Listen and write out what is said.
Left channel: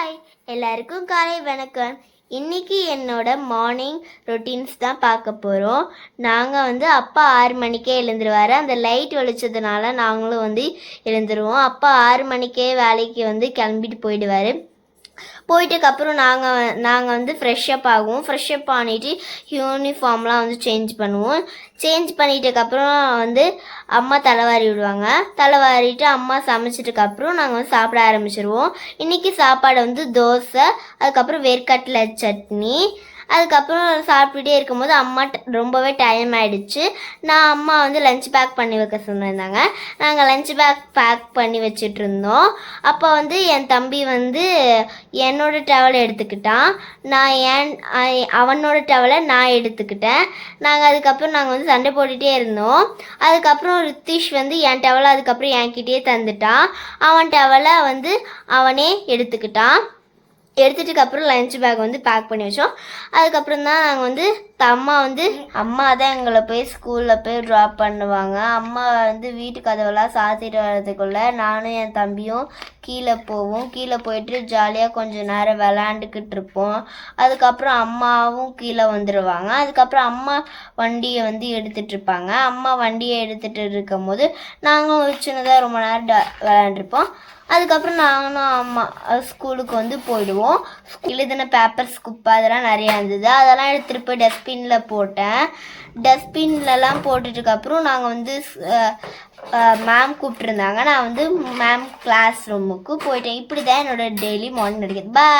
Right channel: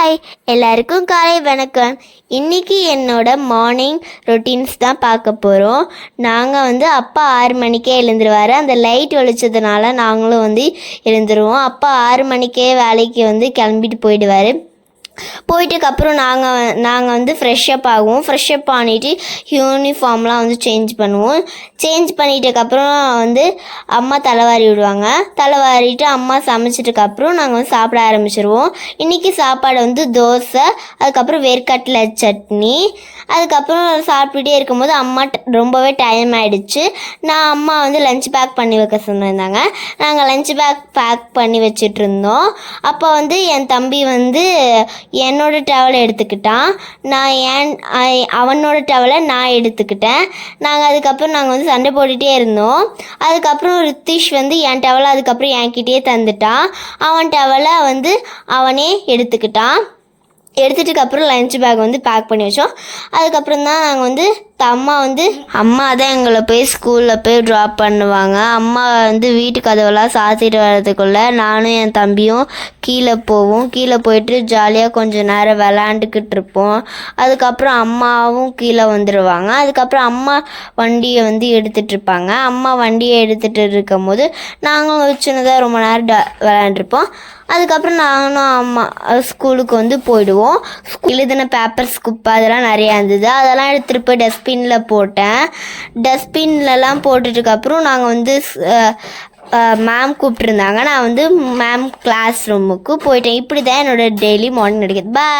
Hi, எல்லாருக்கும் காலை வணக்கம். இன்றைக்கி என்னோட மார்னிங் ரொட்டீன்ஸ் தான் பார்க்க போகிறோம். நாங்கள் அப்பா 6 மணிக்கே எழுந்துருவார். அந்த லைட் வெளிச்சதுனால நாங்களும் எழுந்துருவோம். அப்பா 6 மணிக்கே வேலைக்கு கிளம்பிட்டு போயிடுவார். போயிட்டதுக்கப்புறம் நாங்கள் ஃப்ரெஷ்அப் ஆகுவோம். ஃப்ரெஷ்அப் பண்ணிவிட்டு யூனிஃபார்ம்லாம் சேஞ்ச் பண்ணுவோம். சேஞ்ச் பண்ணிட்டதுக்கப்புறம் அம்மா தலைவாரி விடுவாங்க. தலைவாரிட்டு அம்மா சமைச்சிட்டுக்கப்புறம் நாங்கள் சாப்பிட ஆரம்பிச்சிடுவோம். இன்றைக்கி சாப்பாடு தோசை, அதுக்கப்புறம் வேர்க்கடலை சட்னி. அதுக்கப்புறம் சாப்பிட்டுட்டே இருக்கும்போது அம்மா ரொம்பவே டைம் ஆகிடுச்சு. அம்மா லஞ்ச் பேக் பண்ணி வைக்க சொன்னிருந்தாங்க. நாங்கள் லஞ்ச் பேக் பண்ணி வச்சிட்ருந்தோம். அப்போ என் தம்பி என்னோட டவலை எடுத்துக்கிட்டான். அவனோட டவலை நான் எடுத்துக்கிட்டேன். அதுக்கப்புறம் நாங்கள் சண்டை போட்டுகிட்டே இருந்தோம். அதுக்கப்புறம் ரித்திஷ் என் டவலை அதுக்கப்புறம் என்கிட்டயே தந்துட்டான். அவன் டவலை அவனே எடுத்துக்கிட்டான். எடுத்துட்டுக்கப்புறம் லஞ்ச் பேக் பேக் பண்ணி வச்சோம். அதுக்கப்புறம் தான் நாங்கள் அம்மா தான் எங்களை போய் ஸ்கூலில் போய் ட்ராப் பண்ணுவாங்க. அம்மா வீட்டு கதவெல்லாம் சாத்திட்டு வர்றதுக்குள்ளே நானும் என் தம்பியும் கீழே போவோம். கீழே போயிட்டு ஜாலியாக கொஞ்சம் நேரம் விளாண்டுக்கிட்டு இருப்போம். அதுக்கப்புறம் அம்மாவும் கீழே வந்துடுவாங்க. அதுக்கப்புறம் அம்மா வண்டியை எடுத்துகிட்ருப்பாங்க. அம்மா வண்டியை எடுத்துகிட்டு இருக்கும் போது நாங்களும் சின்னதாக ரொம்ப நேரம் விளாண்டுருப்போம். அதுக்கப்புறம் நானும் அம்மா ஸ்கூலுக்கு போயிடுவோம். எழுதின பேப்பர்ஸ் குப்பை அதெல்லாம் நிறையா இருந்தது. அதெல்லாம் எடுத்துகிட்டு போய் டஸ்ட்பினில் போட்டேன். டஸ்ட்பின்லலாம் போட்டுட்டுக்கப்புறம் நாங்கள் மேம் கூப்பிட்ருந்தாங்க. நான் மேம் கிளாஸ் ரூமுக்கு போயிட்டேன். இப்படி தான் என்னோடய டெய்லி மார்னிங் நடக்குது. பாய்.